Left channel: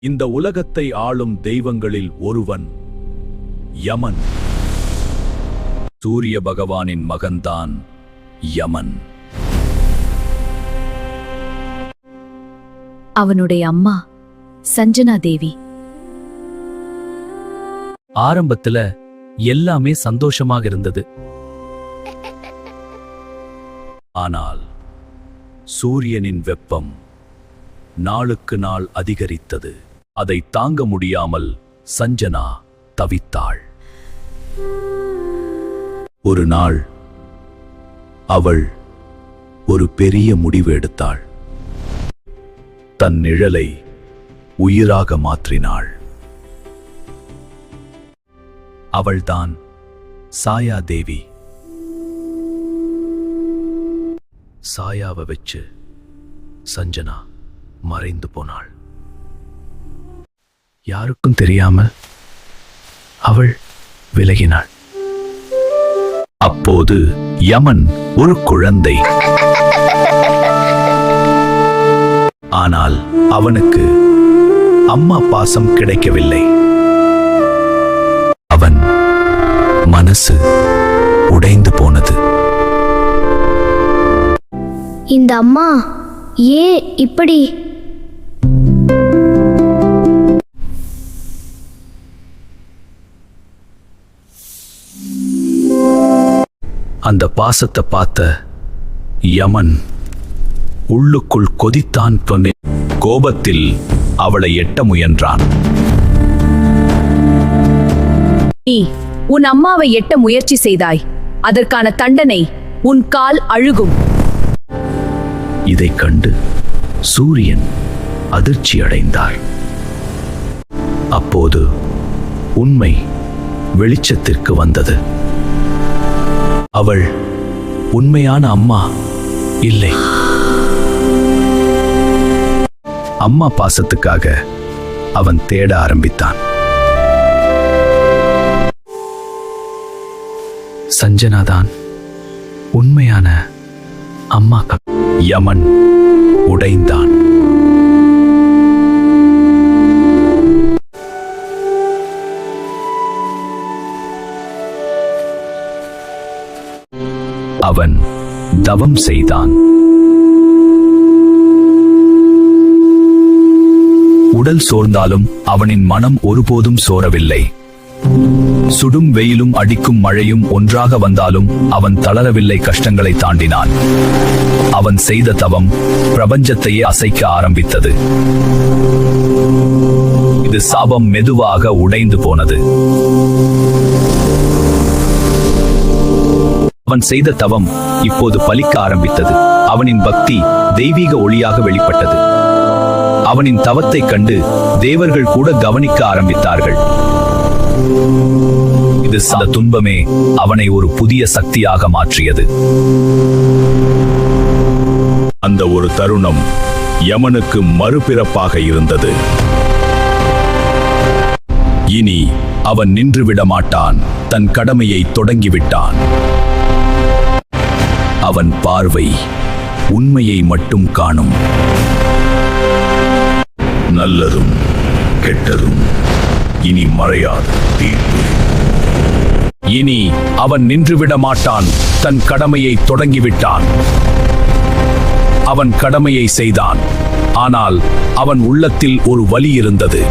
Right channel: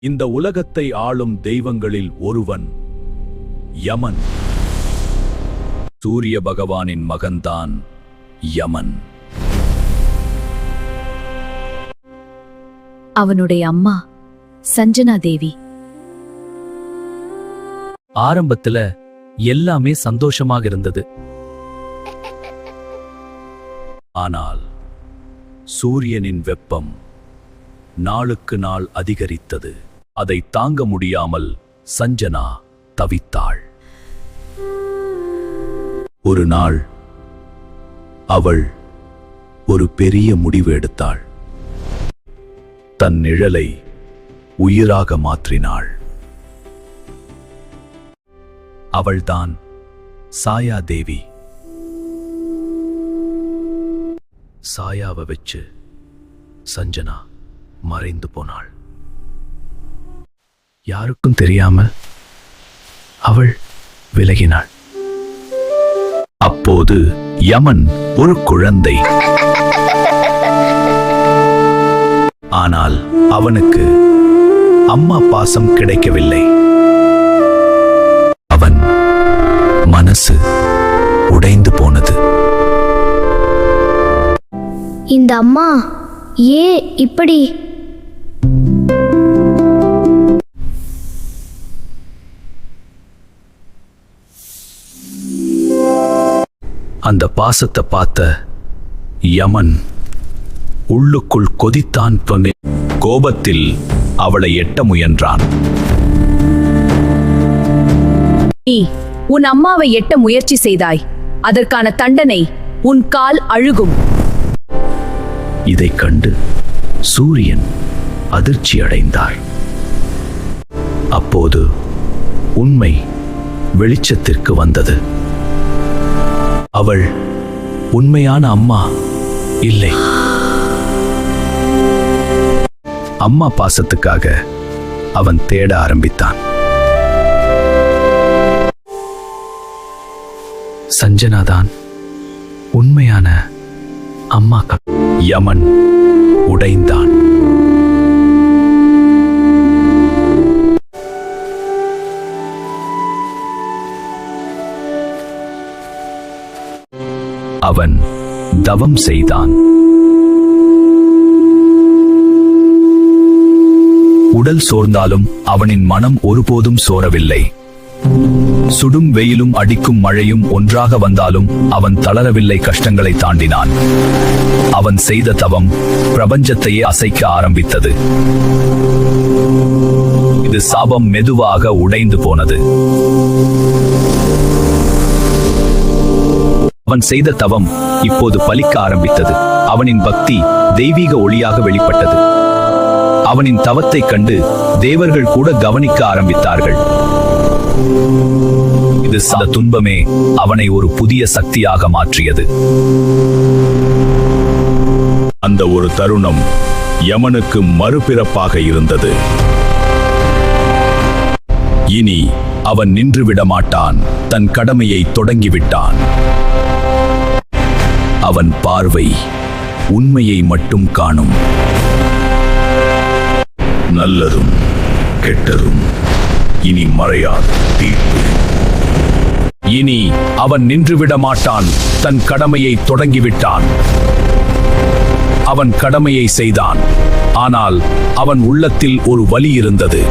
இந்த உலகத்தை ஆளும் தெய்வங்களில் ஒருவன் யமன். சூரிய பகவானின் மகன்தான் யமன். அவனுடைய அம்மா சஞ்சனா தேவி. ஆரம்பத்துல எல்லாமே சந்தோஷமாக இருந்தது. ஆனால் சூரியனின் வெப்பம் நாளுக்கு நாள் அதிகரித்தது. அதை தாங்க முடியாமல் சஞ்சனா தவித்தாள். ஒரு நாள் அவள் ஒரு பெரிய முடிவு எடுத்தாள். தன் நிழலை உயிராக மாற்றினாள். அவள்தான் சாயா தேவி. சாயாவை வச்சு சஞ்சனா மறைந்து போனாள். யாருக்கும் தெரியாமல் அவள் விலகினாள். அப்போது யமன் ஒரு குழந்தை. ஆனால் அவனுக்கு அம்மா பாசம் கிடைக்கவில்லை. அவன் மனசு உடைந்து போனது. இந்த அம்மா ஏன் இப்படி? அந்த பாசத்தை பார்த்த யமன் உள்ளுக்குள் கொதித்தான். கோபத்தில் அவளை எட்ட முயன்றான். நீ உன் அம்மாவை எட்ட முயற்சி செய்தாய். அதற்கான தண்டனை உன் கால் அழுகும். இதைக் கண்டு சூரியன் அதிர்ச்சி அடைந்தார். அப்போது உண்மை வெளிச்சத்திற்கு வந்தது. அவள் உண்மையான அம்மா இல்லை. அம்மா பாசத்துக்காக அவன் தேட ஆரம்பித்தான். சஞ்சனாதான் உண்மையான அம்மா. யமன் உடைந்தான். அவன் தவம் செய்தான். உடல் சோர்ந்தாலும் அவனின் மனம் ஒருபோதும் சோரவில்லை. சுடும் வெயிலும் அடிக்கும் மழையும் ஒன்றாக வந்தாலும் அவன் தளரவில்லை. கஷ்டங்களை தாண்டினான். அவன் செய்த தவம் பிரபஞ்சத்தையே அசைக்க ஆரம்பித்தது. இது சாபம் மெதுவாக உடைந்து போனது. அவன் செய்த தவம் இப்போது பலிக்க ஆரம்பித்தது. அவனின் பக்தி தெய்வீக ஒளியாக வெளிப்பட்டது. அவனின் தவத்தைக் கண்டு தேவர்கள் கூட கவனிக்க ஆரம்பித்தார்கள். இது துன்பமே அவனை ஒரு புதிய சக்தியாக மாற்றியது. அந்த ஒரு தருணம் யமனுக்கு மறுபிறப்பாக இருந்தது. இனி அவன் நின்றுவிட மாட்டான். தன் கடமையை தொடங்கிவிட்டான். அவன் பார்வை உண்மையை மட்டும் காணும். நல்லதும் கெட்டதும் இனி மறையாது தீர்ப்பு. இனி அவன் நின்றுவிட மாட்டான். தன் கடமையை தொடங்கிவிட்டான். அவன் கடமையை செய்தான். ஆனால் அவன் உள்ளத்தில் ஒரு வலி இருந்தது.